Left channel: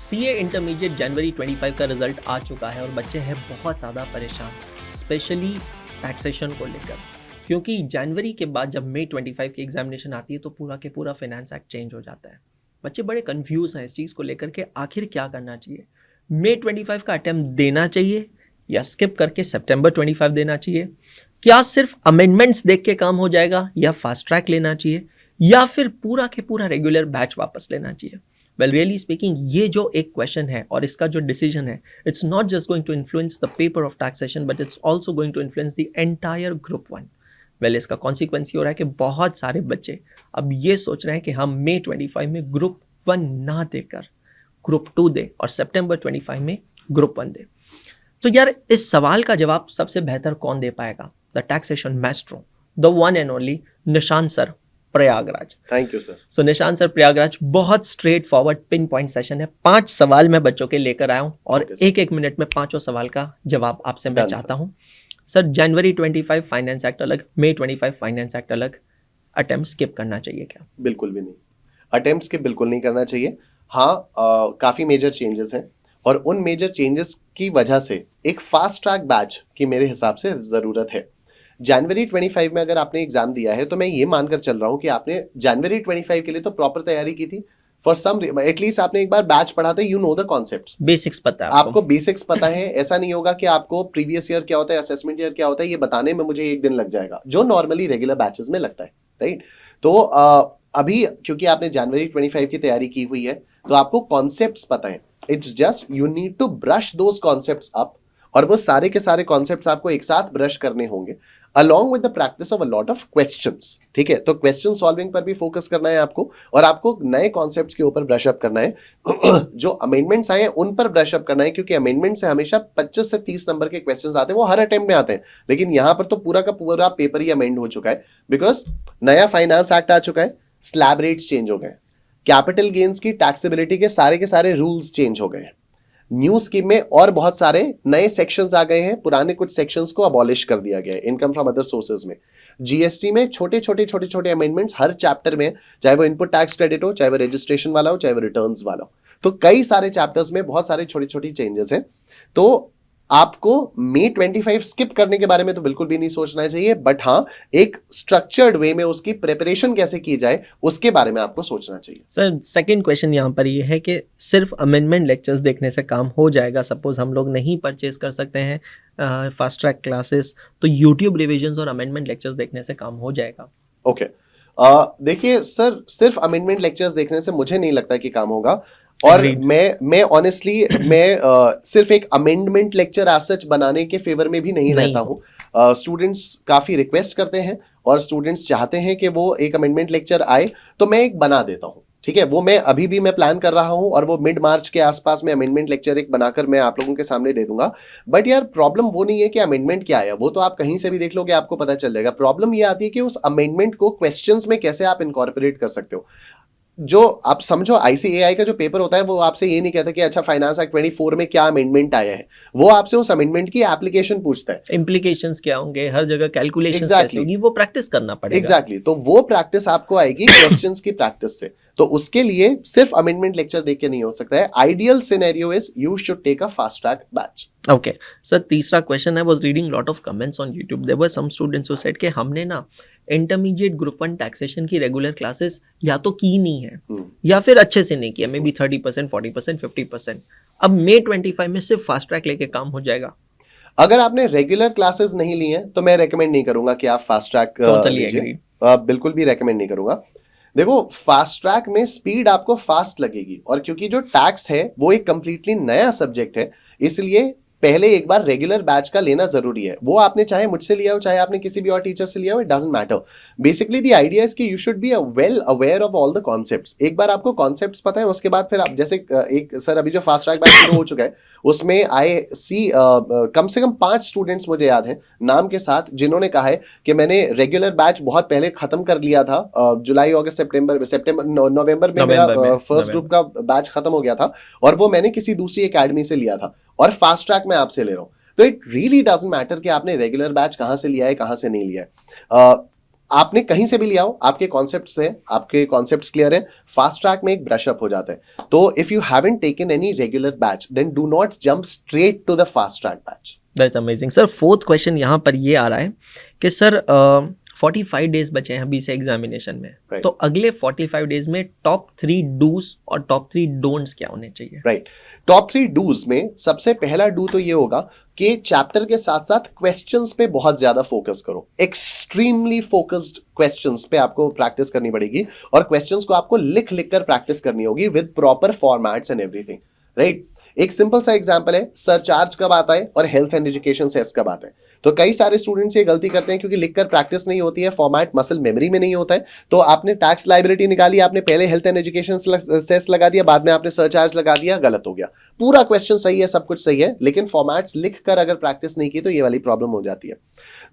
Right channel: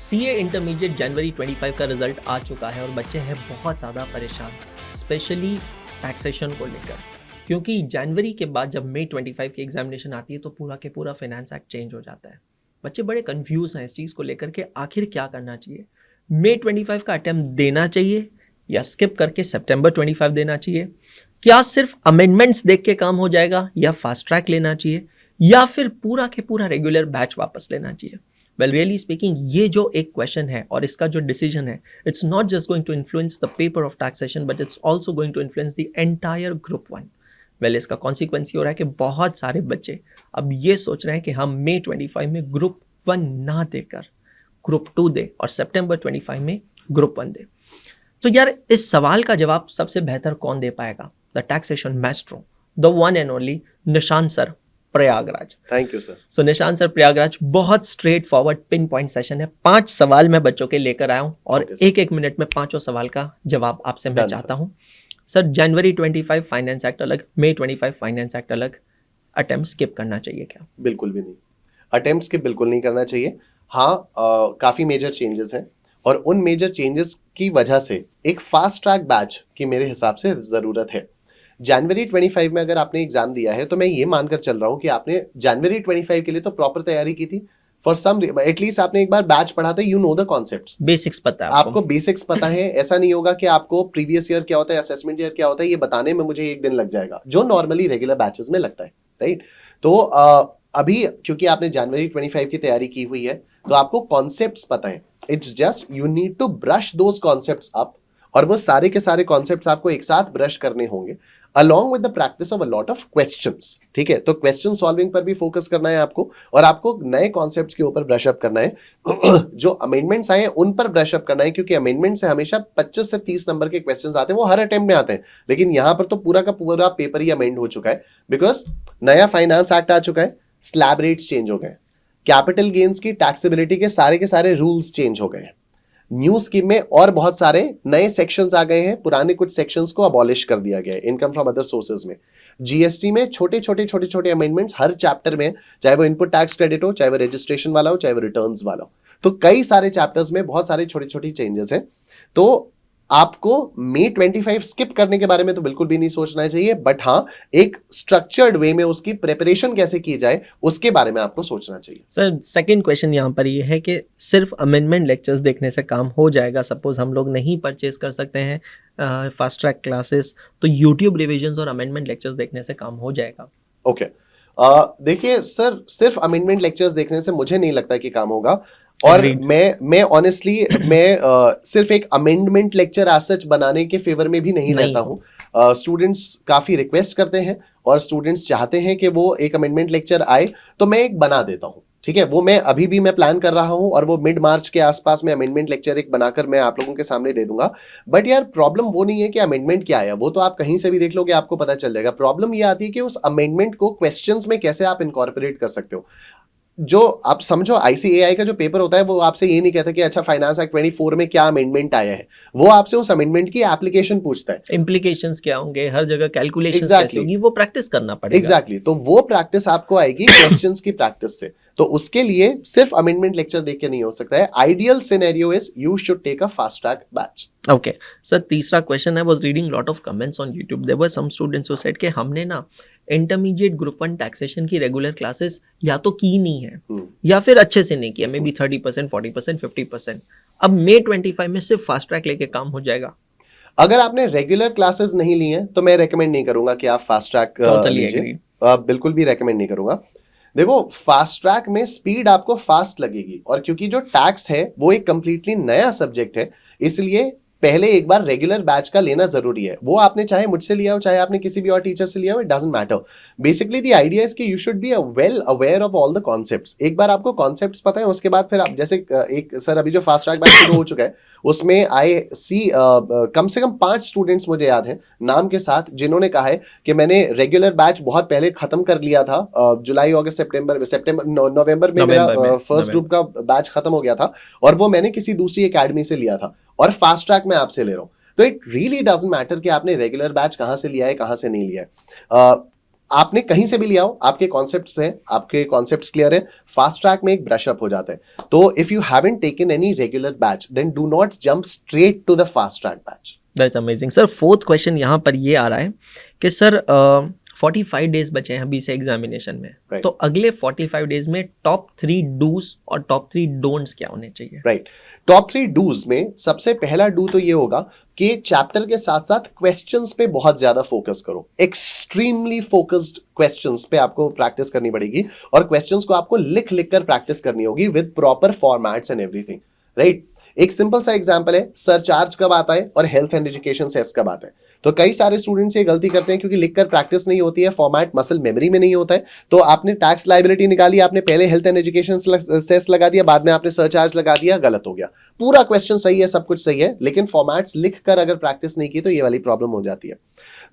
CA intermediate जनवरी 25 का result आ चुका है और बच्चे हैं बहुत ज़्यादा परेशान, स्पेशली टैक्सेशन को लेकर, क्योंकि जनवरी के बाद जब मई 25 की एग्जामिनेशन आती है तो पूरा के पूरा फाइनेंस एक्ट चेंज हो जाता है। बच्चे बड़े कंफ्यूज हैं इस चीज़ को लेकर के आखिर क्या करना चाहिए। मई 25 का अटेम्प्ट देना चाहिए या स्किप करके सितंबर 25 देना चाहिए? क्या सिर्फ अमेंडमेंट्स देख के काम हो जाएगा या फास्ट ट्रैक लेना चाहिए या फिर पूरा के पूरा रेगुलर बैच वापस लेना चाहिए? वेल रियली स्पीकिंग, ये जो एक क्वेश्चन है और इसका जो डिसीजन है, it's not just going to influence the paper of taxation but it's also going to influence the entire group 1। Well इसका कॉन्सिक्वेंस ये हो रहा है कि बहुत सारे बच्चे अब ये सोच रहे हैं कि हम मई 25 में ग्रुप 1 ना देकर ग्रुप 2 दे और सितंबर 25 में ग्रुप 1 दे। तो यार इस सवाल का जवाब सबसे बेहतर कौन दे पाएगा? The taxation maestro, the one and only Nishant sir, Prayagraj. Thank you sir. So Nishant sir, Prayagraj, बहुत straightforward pinpoint session है। 5 सवाल मैं बच्चों के लेकर आया हूं और एक मिनट में 5 सवाल का जवाब आपसे मैं चाहता हूं। सर, जनवरी 25 फाइनेंस एक्ट अलग, मई 25 फाइनेंस एक्ट अलग, अटेम्प्ट स्किप करना चाहिए क्या? बिल्कुल भी नहीं, अटेम्प्ट स्किप बिल्कुल नहीं करना चाहिए। हाँ, काफी मेजर चेंजेस हैं और उन मेजर चेंजेस की वजह से एक फास्ट ट्रैक बैच की मेरे हिसाब से जरूरत है। जनवरी 25 में अगर आपने एग्जाम दिया है तो मैं ये मानकर चल रहा हूँ कि आपने जनवरी 25 के लिए तो प्रॉपर तैयारी की थी। फॉर सम एटलीस्ट आपने एक बार बैच पढ़ा था, you know the concepts, basics पता है आपको बेसिक्स पता है। ऐसा नहीं होगा कि आपको प्रीवियस ईयर क्या होता है, असेसमेंट ईयर क्या होता है, ये बताने में मुझे 1 दिन लग जाएगा, जो नॉर्मली रेगुलर बैचेस में लगता है, राइट? तो अभी क्योंकि आपने जनवरी 25 की तैयारी की हुई है तो आपको कॉन्सेप्ट्स पता है। It's just you need to brush those concepts up, और वो सारे के सारे कॉन्सेप्ट्स आपको एक साथ ब्रश करने होंगे along with the practice of a lot of questions। ठीक है, तो क्वेश्चन सॉल्विंग पर भी फोकस करना है आपको, और आपको नए कॉन्सेप्ट्स के ऊपर ब्रश अप करना है। जो अमेंडमेंट्स आए हैं उन पर ब्रश अप करना है, क्योंकि अमेंडमेंट से हमेशा 25 से 30 नंबर के क्वेश्चंस आते हैं, वो हर अटेम्प्ट में आते हैं। लेकिन यहां पर तो पूरा का पूरा पेपर ही अमेंड हो चुका है, बिकॉज नया फाइनेंस एक्ट आ चुका है, स्लैब रेट्स चेंज हो गए, कैपिटल गेन्स की टैक्सेबिलिटी के सारे रूल्स चेंज हो गए हैं, न्यू स्कीम में और बहुत सारे नए सेक्शंस आ गए हैं, पुराने कुछ सेक्शंस को अबॉलिश कर दिया गया है इनकम फ्रॉम अदर सोर्सेज में। जीएसटी में छोटे अमेंडमेंट्स हर चैप्टर में, चाहे वो इनपुट टैक्स क्रेडिट हो, चाहे वो रजिस्ट्रेशन वाला हो, चाहे वो रिटर्न्स वाला हो, तो कई सारे चैप्टर्स में बहुत सारी छोटी चेंजेस हैं। तो आपको मई 25 स्किप करने के बारे में तो बिल्कुल भी नहीं सोचना चाहिए, बट हाँ, एक स्ट्रक्चर्ड वे में उसकी प्रिपरेशन कैसे की जाए उसके बारे में आपको सोचना चाहिए। सर, सेकंड क्वेश्चन यहाँ पर ये है कि सिर्फ अमेंडमेंट लेक्चर्स देखने से काम हो जाएगा? सपोज हम लोग नहीं परचेज कर सकते हैं फास्ट ट्रैक क्लासेस, तो यूट्यूब रिविजन्स और अमेंडमेंट लेक्चर्स देखने से काम हो जाएगा? ओके, देखिए सर, सिर्फ अमेंडमेंट लेक्चर्स देखने से मुझे नहीं लगता कि काम होगा। Agreed. मैं ऑनेस्टली सिर्फ एक अमेंडमेंट लेक्चर एज सच बनाने के फेवर में भी नहीं रहता हूँ। स्टूडेंट्स काफी रिक्वेस्ट करते हैं और स्टूडेंट्स चाहते हैं कि वो एक अमेंडमेंट लेक्चर आए, तो मैं एक बना देता हूँ। ठीक है, वो मैं अभी भी मैं प्लान कर रहा हूँ और वो मिड मार्च के आसपास में अमेंडमेंट लेक्चर एक बनाकर मैं आप लोगों के सामने दे दूंगा। बट यार प्रॉब्लम वो नहीं है कि अमेंडमेंट क्या आया, वो तो आप कहीं से भी देख लोगे, आपको पता चल जाएगा। प्रॉब्लम ये आती है कि उस अमेंडमेंट को क्वेश्चंस में कैसे आप इनकॉर्पोरेट कर सकते हो। जो आप समझो, आईसीएआई का जो पेपर होता है वो आपसे ये नहीं कहता कि अच्छा फाइनेंस एक्ट 24 में क्या अमेंडमेंट आया है, वो आपसे उस अमेंडमेंट की एप्लीकेशन पूछता है, इम्प्लीकेशंस क्या होंगे, हर जगह कैलकुलेशंस कैसे होगी, वो प्रैक्टिस करना पड़ेगा। एग्जैक्टली, तो वो प्रैक्टिस आपको आएगी क्वेश्चंस की प्रैक्टिस से। तो उसके लिए सिर्फ अमेंडमेंट लेक्चर देख के नहीं हो सकता है। Ideal scenario is you should take a fast track batch. Okay sir, तीसरा question, I was reading lot of comments on YouTube, there were some students who said कि हमने ना इंटरमीडिएट ग्रुप 1 टैक्सेशन की रेगुलर क्लासेस या तो की नहीं है या फिर अच्छे से नहीं किया, मे बी 30%, 40%, 50%, अब मई 25 में सिर्फ फास्ट ट्रैक लेके काम हो जाएगा। अगर आपने रेगुलर क्लासेस नहीं ली हैं तो मैं रेकमेंड नहीं करूंगा कि आप फास्ट ट्रैक। टोटली एग्रीड, बिल्कुल भी रेकमेंड नहीं करूंगा। देखो, फास्ट ट्रैक में स्पीड आपको फास्ट लगेगी, और क्योंकि जो टैक्स है वो एक कंप्लीटली नया सब्जेक्ट है, इसलिए पहले एक बार रेगुलर बैच का लेना जरूरी है। वो आपने चाहे मुझसे लिया हो, चाहे आपने किसी भी और टीचर से लिया हो, it doesn't matter. Basically the idea is कि you should be well aware of all the concepts. एक बार आपको कॉन्सेप्ट्स पता है, उसके बाद फिर आप जैसे एक सर अभी जो फास्ट ट्रैक बैच हो चुका है उसमें आई सी कम से कम 5 स्टूडेंट्स मुझे याद है नाम के साथ, जिन्होंने कहा है कि मैंने रेगुलर बैच बहुत पहले खत्म कर लिया था, जुलाई अगस्त नवंबर में फर्स्ट ग्रुप का बैच खत्म हो गया था, और वो मैंने किसी दूसरी एकेडमी से लिया था और फास्ट ट्रैक में आपसे ले रहा हूं। तो इट रियली डजंट मैटर कि आपने रेगुलर बैच कहां से लिया है, कहां से नहीं लिया है। आपने कहीं से भी लिया हो, आपके कॉन्सेप्ट्स हैं, आपके कॉन्सेप्ट्स क्लियर हैं, फास्ट ट्रैक में एक ब्रश अप हो जाता है। तो if you haven't taken any regular batch then do not jump straight to the fast track batch. That's amazing sir. Fourth question यहाँ पर ये आ रहा है कि सर 45 डेज बचे हैं अभी से एग्जामिनेशन में, Right. तो अगले 45 डेज में टॉप 3 डूज और टॉप 3 डोंट्स क्या होने चाहिए? राइट, टॉप 3 डूज में सबसे पहला डू तो ये होगा कि चैप्टर के साथ साथ क्वेश्चंस पे बहुत ज्यादा फोकस करो। एक्सट्रीमली फोकस्ड क्वेश्चंस पे आपको प्रैक्टिस करनी पड़ेगी और क्वेश्चंस को आपको लिख लिख कर प्रैक्टिस करनी होगी with proper formats and everything, right. एक सिंपल सा एग्जांपल है, सरचार्ज कब आता है और हेल्थ एंड एजुकेशन सेस कब आता है। तो कई सारे स्टूडेंट्स ये गलती करते हैं क्योंकि लिखकर प्रैक्टिस नहीं होती है, फॉर्मेट मसल मेमोरी में नहीं होता है। तो आपने टैक्स लायबिलिटी निकाली, आपने पहले हेल्थ एंड एजुकेशन सेस लगा दिया, बाद में आपने सरचार्ज लगा दिया, गलत हो गया। पूरा क्वेश्चन सही है, सब कुछ सही है, लेकिन फॉर्मेट्स लिखकर अगर प्रैक्टिस नहीं की तो ये वाली प्रॉब्लम हो जाती है।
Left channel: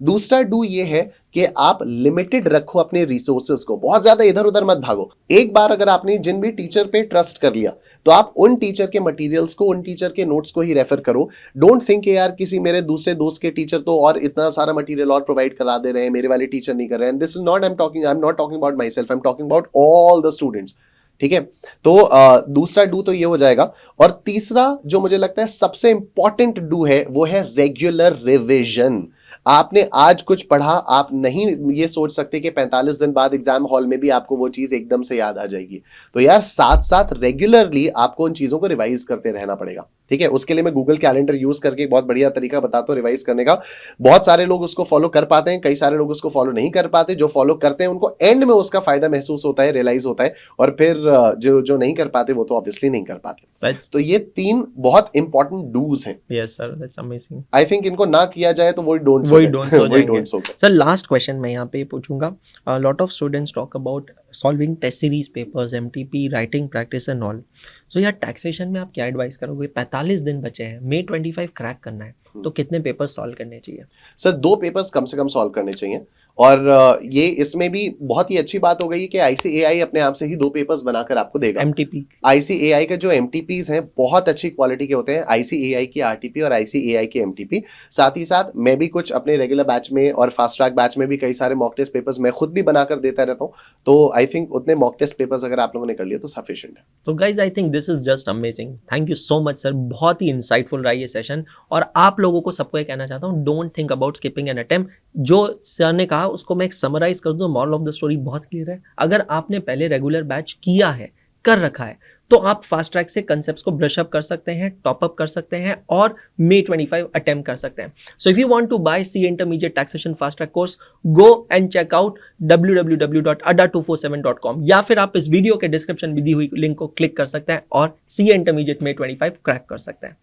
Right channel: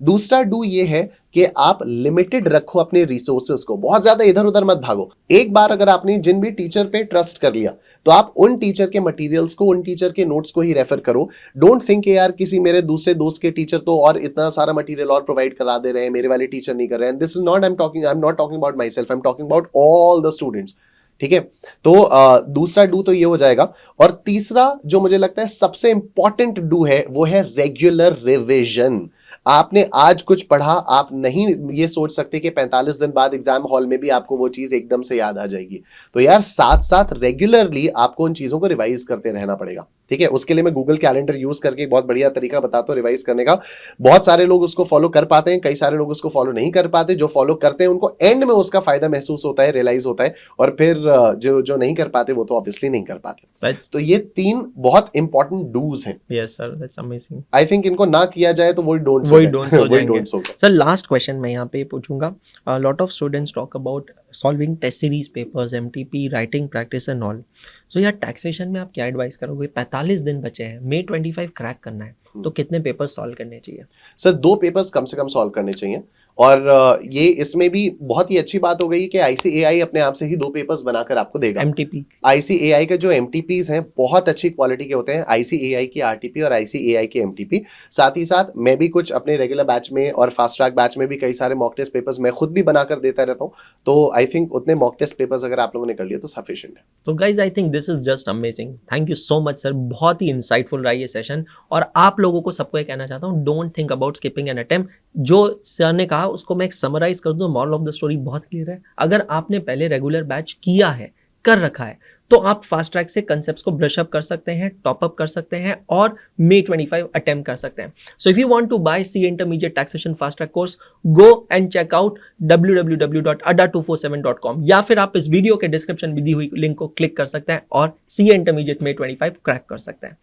दूसरा डू ये है कि आप लिमिटेड रखो अपने रिसोर्सेज को, बहुत ज्यादा इधर उधर मत भागो। एक बार अगर आपने जिन भी टीचर पे ट्रस्ट कर लिया तो आप उन टीचर के मटेरियल्स को, उन टीचर के नोट्स को ही रेफर करो। डोंट थिंक यार किसी मेरे दूसरे दोस्त के टीचर तो और इतना सारा मटेरियल और प्रोवाइड करा दे रहे हैं, मेरे वाले टीचर नहीं कर रहे हैं। This is not I am not talking about my self, I am talking about all the students, ठीक है। तो दूसरा डू तो ये हो जाएगा। और तीसरा जो मुझे लगता है सबसे इंपॉर्टेंट डू है वो है रेगुलर रिविजन। आपने आज कुछ पढ़ा, आप नहीं ये सोच सकते कि 45 दिन बाद एग्जाम हॉल में भी आपको वो चीज एकदम से याद आ जाएगी। तो यार साथ साथ रेगुलरली आपको उन चीजों को रिवाइज करते रहना पड़ेगा, ठीक है। उसके लिए मैं गूगल कैलेंडर यूज करके एक बहुत बढ़िया तरीका बताता हूँ रिवाइज करने का। बहुत सारे लोग उसको फॉलो कर पाते हैं, कई सारे लोग उसको फॉलो नहीं कर पाते। जो फॉलो करते हैं उनको एंड में उसका फायदा महसूस होता है, रियलाइज होता है, और फिर जो नहीं कर पाते वो तो ऑब्वियसली नहीं कर पाते। That's, तो ये 3 बहुत इंपॉर्टेंट डूज हैं। yes sir, that's amazing. I think इनको ना किया जाए तो वही डोंट्स हो जाएंगे। सर लास्ट क्वेश्चन मैं यहाँ पे पूछूंगा, lot of students talk about solving test series papers, MTP, writing practice and all. So यार टैक्सेशन में आप क्या एडवाइस करोगे? 45 दिन बचे हैं, May 25 क्रैक करना है, तो कितने पेपर्स सॉल्व करने चाहिए? सर 2 पेपर्स कम से कम सॉल्व करने चाहिए। और ये इसमें भी बहुत ही अच्छी बात हो गई कि ICAI अपने आप से ही 2 पेपर्स बनाकर आपको देगा। एमटीपी, ICAI के जो MTPs हैं बहुत अच्छी क्वालिटी के होते हैं, ICAI की RTP और ICAI के MTP। साथ ही साथ मैं भी कुछ अपने रेगुलर बैच में और फास्ट ट्रैक बैच में भी कई सारे मॉक टेस्ट पेपर्स मैं खुद भी बनाकर देता रहता हूँ। तो आई थिंक उतने मॉक टेस्ट पेपर्स अगर आप लोगों ने कर लिए तो सफिशिएंट है। तो guys I think this is just amazing. Thank you so much sir, बहुत ही इंसाइटफुल रहा ये सेशन। और आप लोगों को सबको ये कहना चाहता हूँ, don't think about skipping an attempt. जो सर ने कहा उसको मैं एक समराइज कर दूं, मॉरल ऑफ द स्टोरी बहुत क्लियर है। अगर आपने पहले रेगुलर बैच किया है, कर रखा है, तो आप फास्ट ट्रैक से कंसेप्ट्स को ब्रश अप कर सकते हैं, टॉप अप कर सकते हैं और May 25 अटेम्प्ट कर सकते हैं। So if you want to buy CA intermediate taxation fast track course, go and check out www.adda247.com, या फिर आप इस वीडियो के डिस्क्रिप्शन में दी हुई लिंक को क्लिक कर सकते हैं और CA इंटरमीडिएट May 25 क्रैक कर सकते हैं।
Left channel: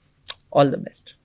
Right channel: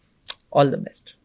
All the best.